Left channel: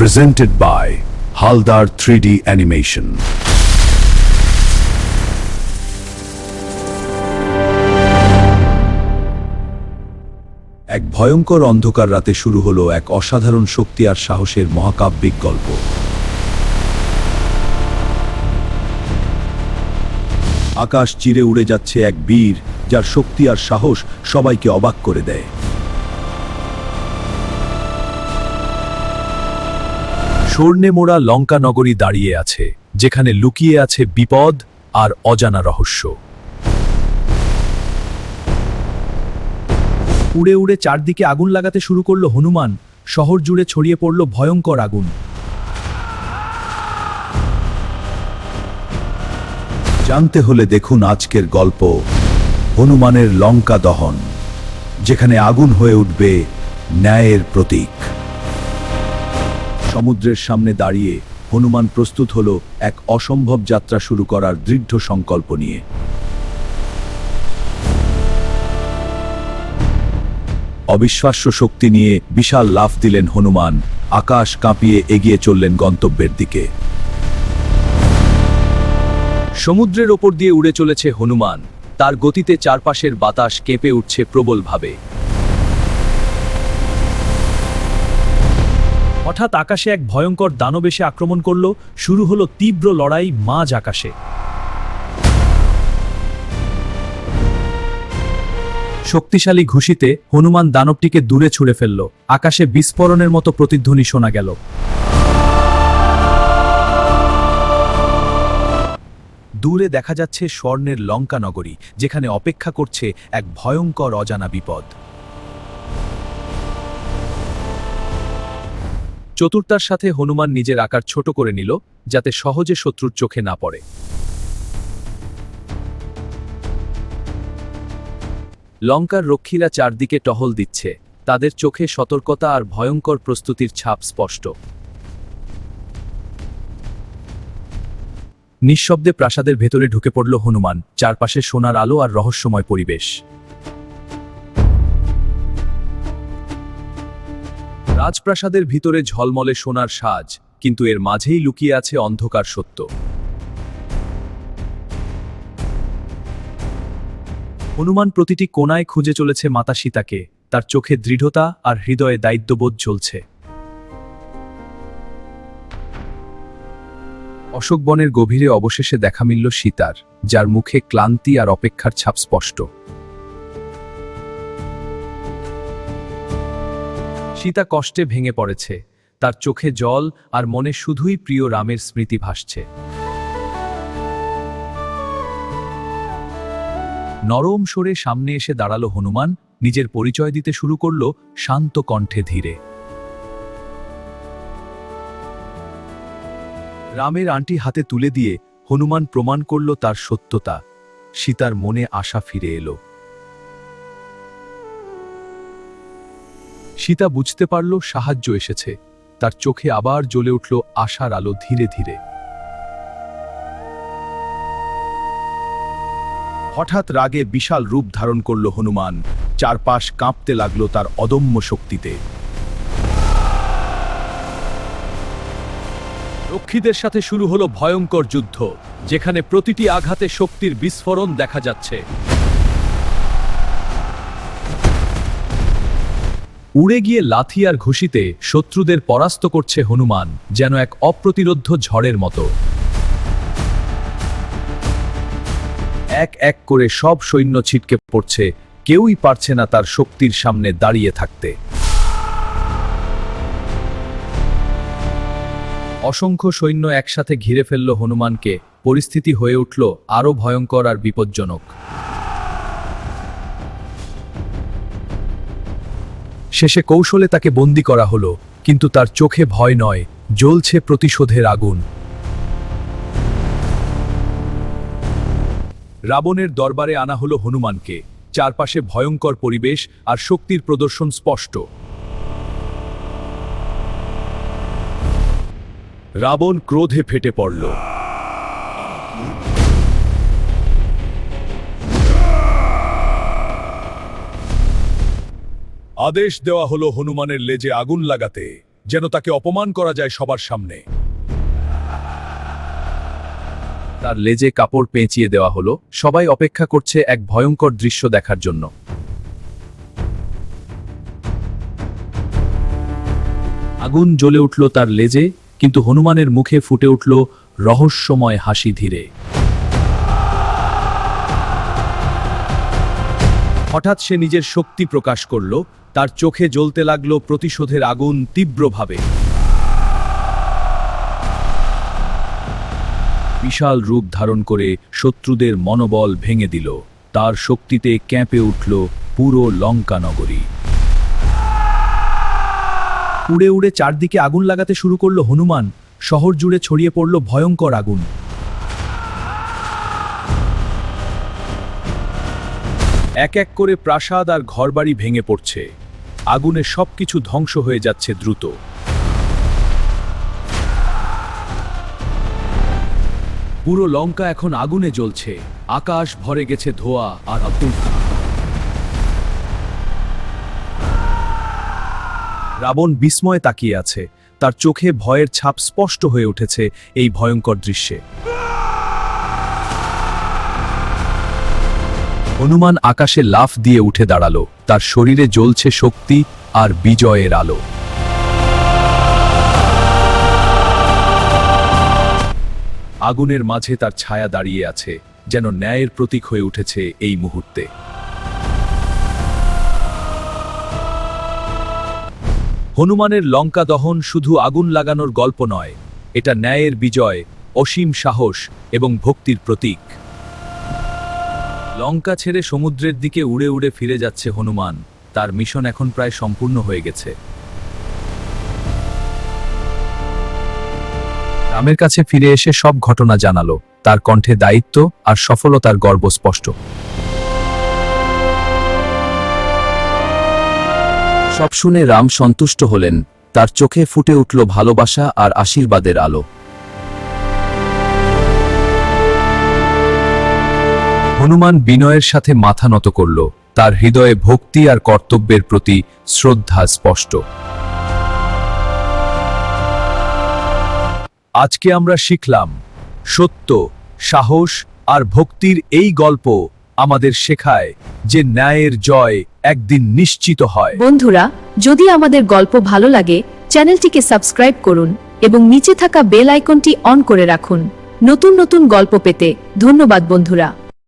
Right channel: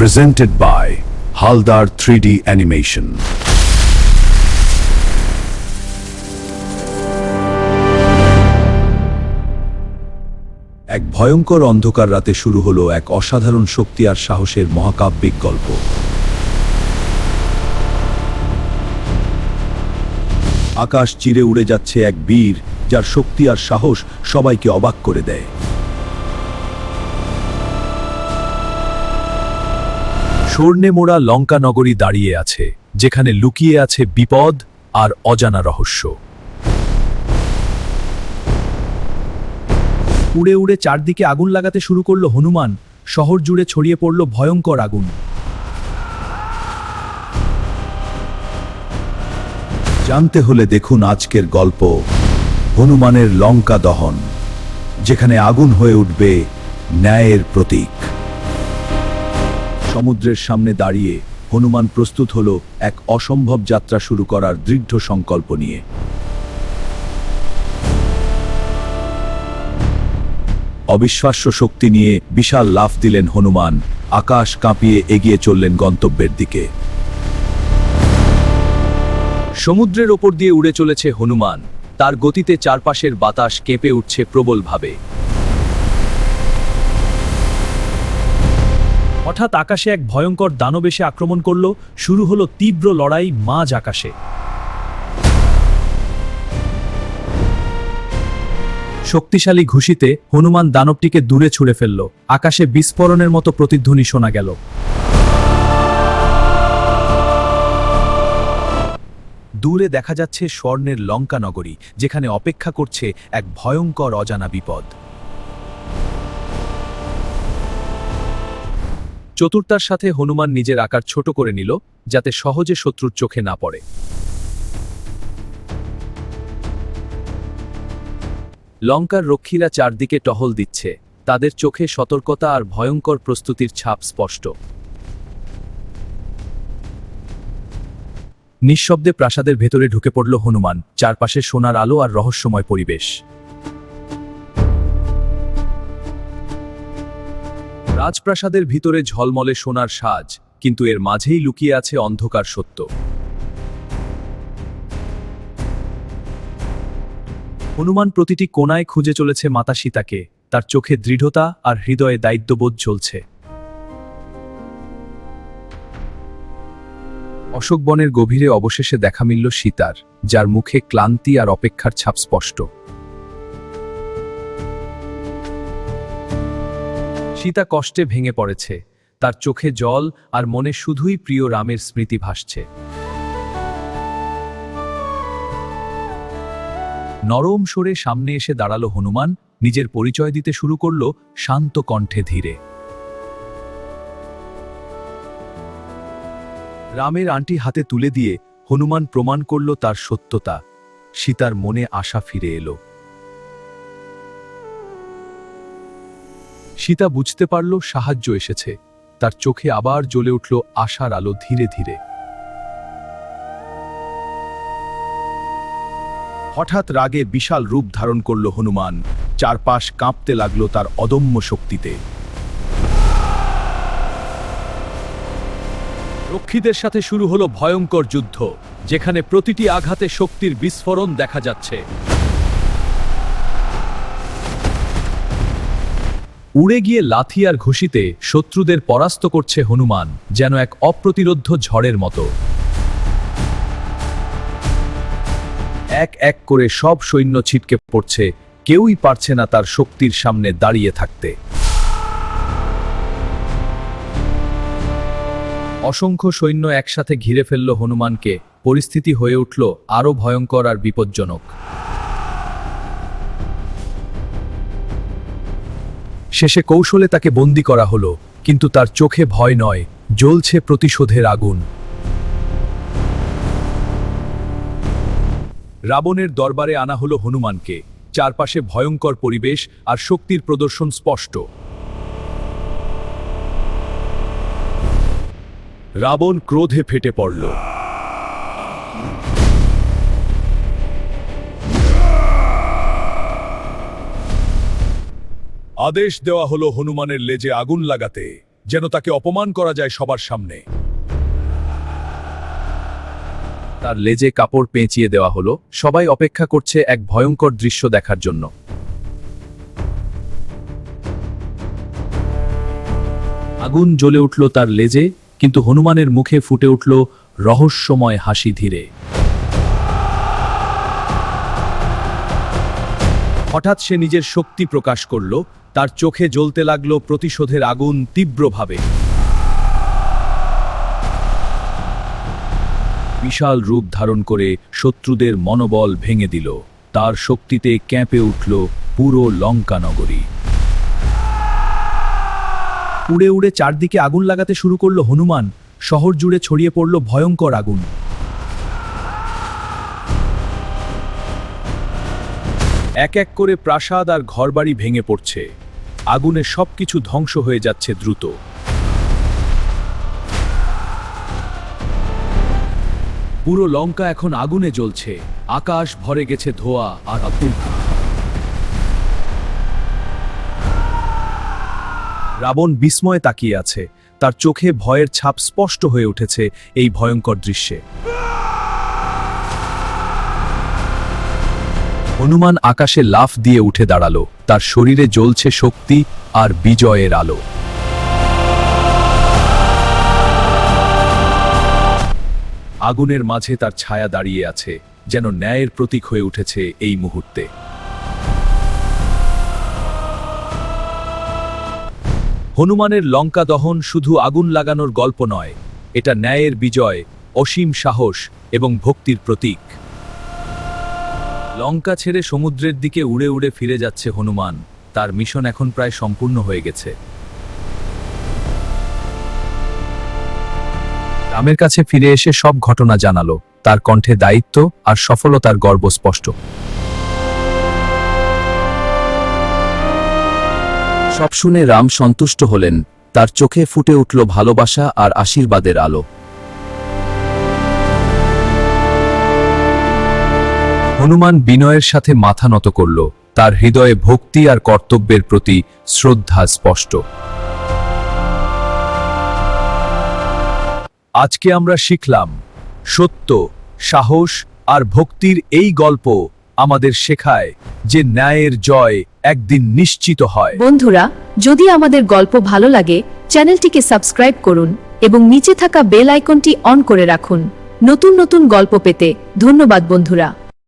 presented by Haldar 3D Animation. এক ভয়ঙ্কর অন্ধকার রাতে শুরু হলো এক অসাধারণ শক্তি আর সাহসের মহাকাব্যিক গল্প। আকাশ চিরে উড়ে যাচ্ছে এক বীর, যার শক্তি আর সাহস সবাইকে অবাক করে দেয়। স্বর্ণে মোড়া লঙ্কা নগরী দাঁড়িয়ে আছে, যেখানে লুকিয়ে আছে বিপদ আর অজানা রহস্য। উড়ে উড়ে চারদিকে আগুন লাগাতে শুরু করলো হনুমান। শহর জুড়ে ছড়িয়ে পড়ল ভয়ঙ্কর আগুন। জানতে হলে দেখুন আজকের গল্প, হনুমানের লঙ্কা দহন, যেখানে আগুন হয়ে উঠবে ন্যায়ের প্রতীক। সমুদ্রের সামনে দাঁড়িয়ে হনুমান প্রস্তুত হলো এক অসম্ভব যাত্রা শুরু করার দৃঢ় সংকল্প নিয়ে। অবিশ্বাস্য শক্তি নিয়ে বিশাল লাফ দিলেন হনুমান, আকাশ কাঁপিয়ে এগিয়ে চললেন গন্তব্যের দিকে। সমুদ্রের ওপর দিয়ে উড়ে চলেছে হনুমান, তার গতিতে চারপাশের বাতাস কেঁপে উঠছে প্রবলভাবে। হঠাৎ আকাশে এক ভয়ঙ্কর দানব এসে আক্রমণ করল। শুরু হলো তীব্র লড়াই মাঝ আকাশে। শক্তিশালী ঘুষিতে হনুমান দানবটিকে দূরে ছুঁড়ে ফেলল। আকাশে বিস্ফোরণের মতো প্রতিধ্বনি শোনা গেল। দূরে দেখা যাচ্ছে স্বর্ণের লঙ্কা নগরী, যেখানে অপেক্ষা করছে এক ভয়ঙ্কর অজানা বিপদ। চতুরতার সাথে হনুমান নিজের আকার ছোট করে নিল, যাতে সহজে শত্রুর চোখে না পড়ে। লঙ্কার রক্ষীরা চারদিকে টহল দিচ্ছে, তাদের চোখে সতর্কতা আর ভয়ঙ্কর প্রস্তুতির ছাপ স্পষ্ট। নিঃশব্দে প্রাসাদের ভেতরে ঢুকে পড়ল হনুমান, চারপাশে সোনার আলো আর রহস্যময় পরিবেশ। রাজপ্রাসাদের ভিতরে ঝলমলে সোনার সাজ, কিন্তু এর মাঝেই লুকিয়ে আছে অন্ধকার সত্য। হনুমান প্রতিটি কোণায় খুঁজে চলেছে মাতা সীতাকে, তার চোখে দৃঢ়তা আর হৃদয়ে দায়িত্ববোধ জ্বলছে। অশোক বনের গভীরে অবশেষে দেখা মিলল সীতার, যার মুখে ক্লান্তি আর অপেক্ষার ছাপ স্পষ্ট। সীতা কষ্টে ভেঙে পড়েছে, তার চোখে জল আর মনে শুধুই প্রিয় রামের স্মৃতি ভাসছে। নরম সরে সামনে এসে দাঁড়ালো হনুমান, নিজের পরিচয় দিতে শুরু করলো শান্ত কণ্ঠে ধীরে। রামের আংটি হাতে তুলে দিয়ে হনুমান প্রমাণ করল তার সত্যতা। সীতার মনে আশা ফিরে এলো। সীতা বুঝতে পারল সাহায্য এসেছে, তার চোখে আবার জ্বলে উঠল আশার আলো ধীরে ধীরে। হঠাৎ রাগে বিশাল রূপ ধারণ করল হনুমান, চারপাশ কাঁপতে লাগলো তার অদম্য শক্তিতে। রক্ষীদের সাথে শুরু হলো ভয়ঙ্কর যুদ্ধ, যেখানে প্রতিটি আঘাতে শক্তির বিস্ফোরণ দেখা যাচ্ছে। উড়ে গিয়ে লাথি আর ঘুষিতে শত্রুদের পরাস্ত করছে হনুমান, যেন এক অপ্রতিরোধ্য ঝড়ের মতো। এক এক করে সব সৈন্য ছিটকে পড়ছে, কেউই পারছে না তার শক্তির সামনে দাঁড়িয়ে থাকতে। অসংখ্য সৈন্য একসাথে ঘিরে ফেলল হনুমানকে, পরিস্থিতি হয়ে উঠল আরো ভয়ঙ্কর আর বিপজ্জনক। শেষে কৌশলে তাকে বন্দী করা হলো, কিন্তু তার চোখে ভয় নয়, জ্বলছে প্রতিশোধের আগুন। রাবণের দরবারে আনা হলো হনুমানকে, চারপাশে ভয়ঙ্কর পরিবেশ আর শক্তির প্রদর্শন স্পষ্ট। রাবণ ক্রোধে ফেটে পড়ল। আদেশ দেওয়া হলো হনুমানের লেজে আগুন লাগাতে, যেন তাকে অপমান করা যায় সবার সামনে। তার লেজে কাপড় পেঁচিয়ে দেওয়া হলো। সবাই অপেক্ষা করছে এক ভয়ঙ্কর দৃশ্য দেখার জন্য। আগুন জ্বলে উঠল তার লেজে, কিন্তু হনুমানের মুখে ফুটে উঠল রহস্যময় হাসি ধীরে। হঠাৎ সে নিজের শক্তি প্রকাশ করল, তার চোখে জ্বলতে লাগলো প্রতিশোধের আগুন তীব্রভাবে। বিশাল রূপ ধারণ করে শত্রুদের মনোবল ভেঙে দিল। তার শক্তিতে কেঁপে উঠল পুরো লঙ্কা নগরী। উড়ে উড়ে চারদিকে আগুন লাগাতে শুরু করলো হনুমান। শহর জুড়ে ছড়িয়ে পড়ল ভয়ঙ্কর আগুন। এক এক করে প্রাসাদ আর ঘরবাড়ি ভেঙে পড়ছে। আগুনে সবকিছু ধ্বংস হয়ে যাচ্ছে দ্রুত। পুরো লঙ্কা এখন আগুনে জ্বলছে। আকাশ ভরে গেছে ধোঁয়া আর আগুন। রাবণ বিস্ময়ে তাকিয়ে আছে। তার চোখে ভয়ের ছাপ স্পষ্ট হয়ে উঠেছে এই ভয়ঙ্কর দৃশ্যে। হনুমান আকাশে লাফ দিয়ে উঠে দাঁড়ালো। তার শরীরে জ্বলছে শক্তি আর বিজয়ের আলো। আগুনের মাঝে তার ছায়া দাঁড়িয়ে আছে, যেন ন্যায়ের প্রতীক হয়ে উঠেছে এই মুহূর্তে। হনুমানের লঙ্কা দহন শুধু আগুন লাগানোর গল্প নয়, এটা ন্যায়ের বিজয়, অসীম সাহস এবং ভক্তির প্রতীক। লঙ্কা ছেড়ে সমুদ্রের দিকে উড়ে উড়ে ফিরে যাচ্ছে হনুমান। তার মিশন এখন প্রায় সম্পূর্ণ হয়ে গেছে। রামের কাছে ফিরে এসে সব ঘটনা জানালো। তার কণ্ঠে দায়িত্ব আর সফলতার গর্ব স্পষ্ট। সব শুনে রাম সন্তুষ্ট হলেন। তার চোখে ফুটে উঠল ভালোবাসা আর আশীর্বাদের আলো। হনুমান বিনয়ের সাথে মাথা নত করল। তার হৃদয়ে ভক্তি আর কর্তব্যের প্রতি শ্রদ্ধা স্পষ্ট। আজকে আমরা শিখলাম, সত্য, সাহস আর ভক্তির এই গল্প আমাদের শেখায় যে ন্যায়ের জয় একদিন নিশ্চিত হয়। বন্ধুরা, যদি আমাদের গল্প ভালো লাগে, চ্যানেলটিকে সাবস্ক্রাইব করুন এবং নিচে থাকা বেল আইকনটি অন করে রাখুন নতুন নতুন গল্প পেতে। ধন্যবাদ বন্ধুরা।